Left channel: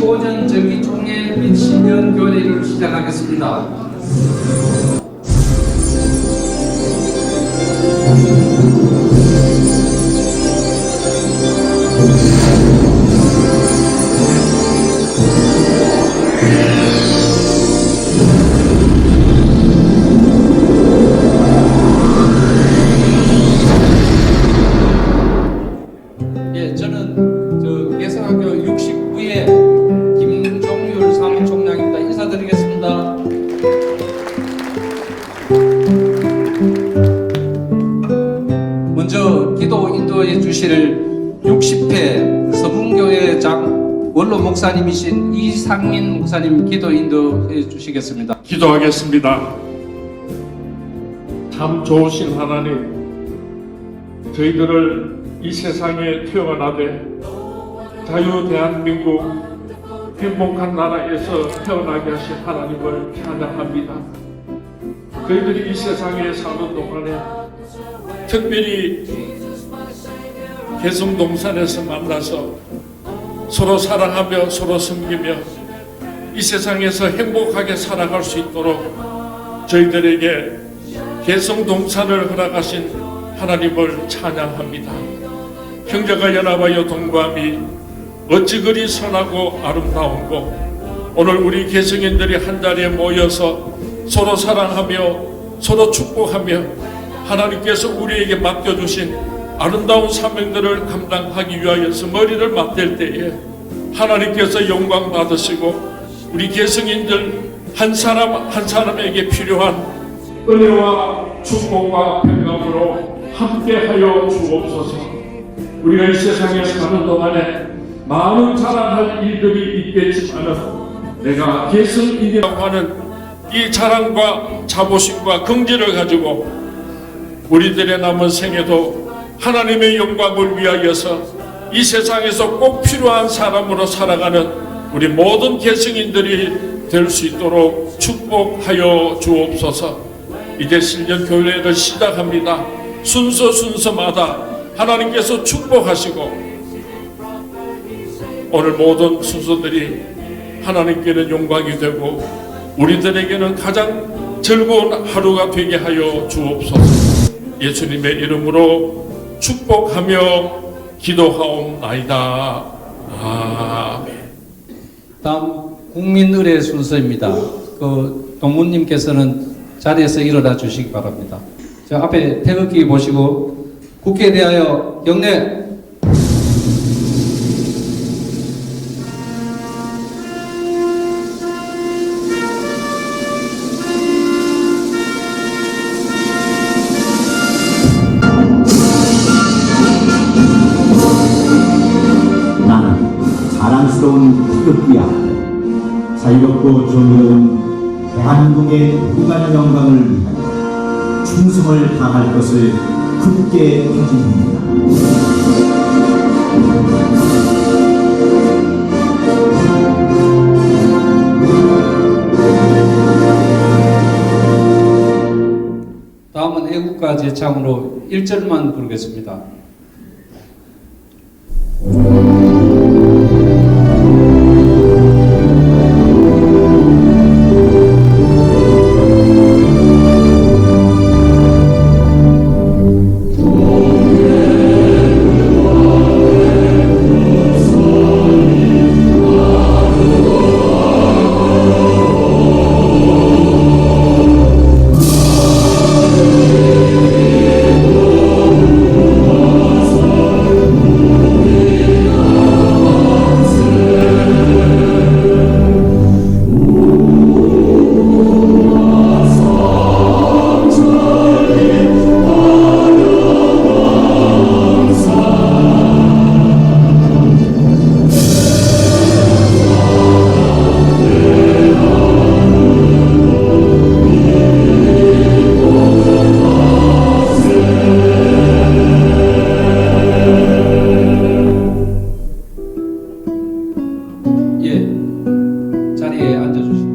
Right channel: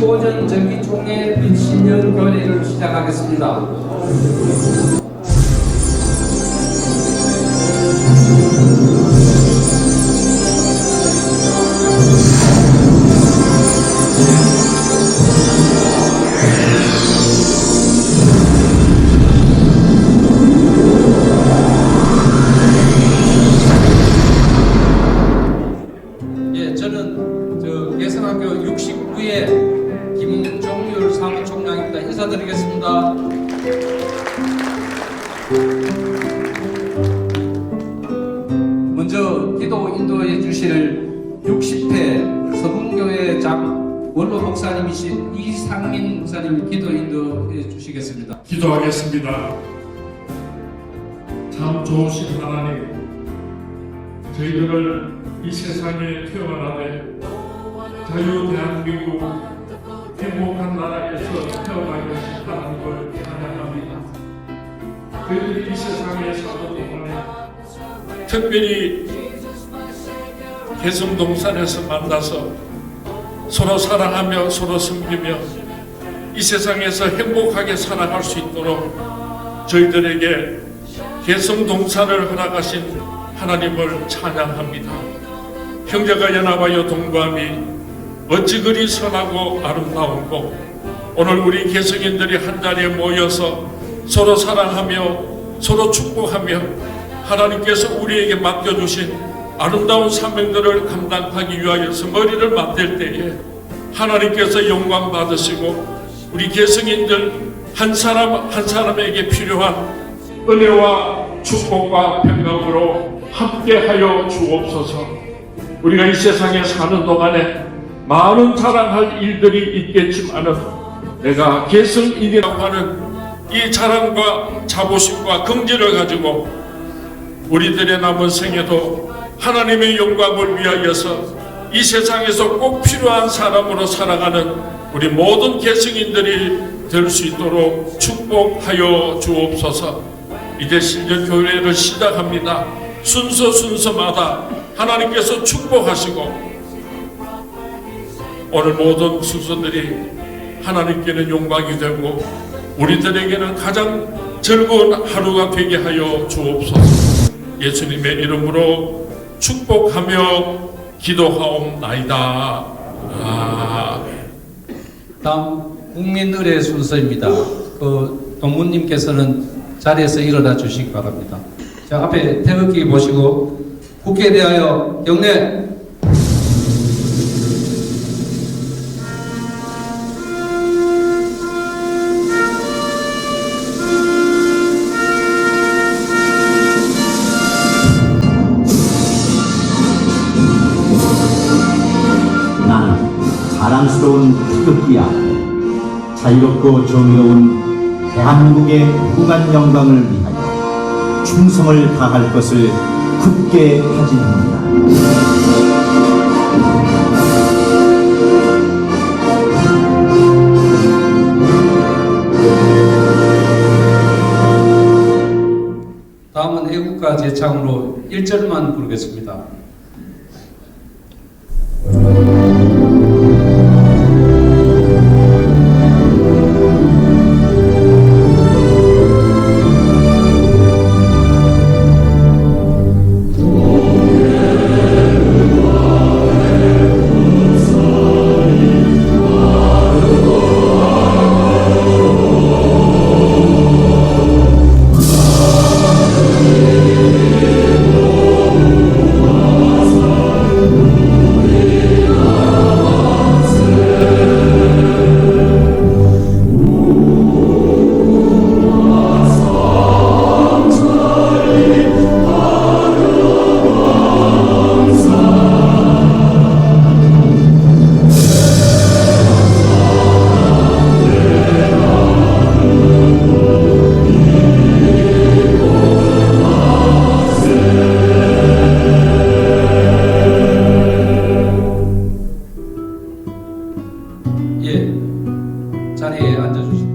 25년 정기총회 및 신년 교회를 시작하겠습니다. 기도 인도해 주실 60회 서분교회 장 원로 목사님이신 이상민 목사님 기도 인도해 주시겠습니다. 기도하겠습니다. 참 좋으신 하나님, 저희들을 이 세상에 태어나되 자유 대한민국 행복한 나라에서 태어나게 하신 하나님을 찬양합니다. 저희들이 이 세상에 사는 동안에 특별히 개성동산에서 만나서 서로 사랑하며 서로 섬기며 이 세상에서 행복하게 살아갈 수 있도록 저희들에게 개성 동산을 허락하신 하나님을 찬양합니다. 형제가 연합하여 동거함이 어찌 그리 선하고 아름다운고 오늘 우리 개성인들이 한 자리에 모여서 서로 사랑하며 서로 축복하며 하나님께서 우리에게 맡겨주신 아름다운 사명들을 감당하기 위하여서 머리를 맞댈 때에 하나님께서 영광 받으시고 우리 개성인들 한 사람 한 사람에게 필요한 은혜와 축복과 평강으로 함께하여 주옵소서. 우리가 이 세상에 사는 동안에 많은 자랑할 일들이 있겠지만은 내가 개성인이라고 하는 이 자랑과 자부심과 긍지를 가지고 우리들의 남은 생에도 하나님의 영광을 위하여서 이 세상에서 꼭 필요한 사람으로 살아가는 우리 모든 개성인들이 될 수 있도록 축복하여 주옵소서. 이제 신년 교회를 시작합니다. 순서 순서마다 하나님께서 축복하시고 오늘 모든 순서들이 하나님께는 영광이 되고 우리들에게는 가장 즐거운 하루가 되게 하여 주옵소서. 예수님의 이름으로 축복하며 기도하옵나이다. 아멘. 다음 국민의례 순서입니다. 그 동무님께서는 자리에서 일어나 주시기 바랍니다. 자 앞에 태극기 보시고 국회에 대하여 경례. 자랑스러운 태극기 앞에 자유롭고 정의로운 대한민국의 무관 영광을 위하여 충성을 다할 것을 굳게 다짐합니다. 다음은 애국가 제창으로 1절만 부르겠습니다. 바랍니다.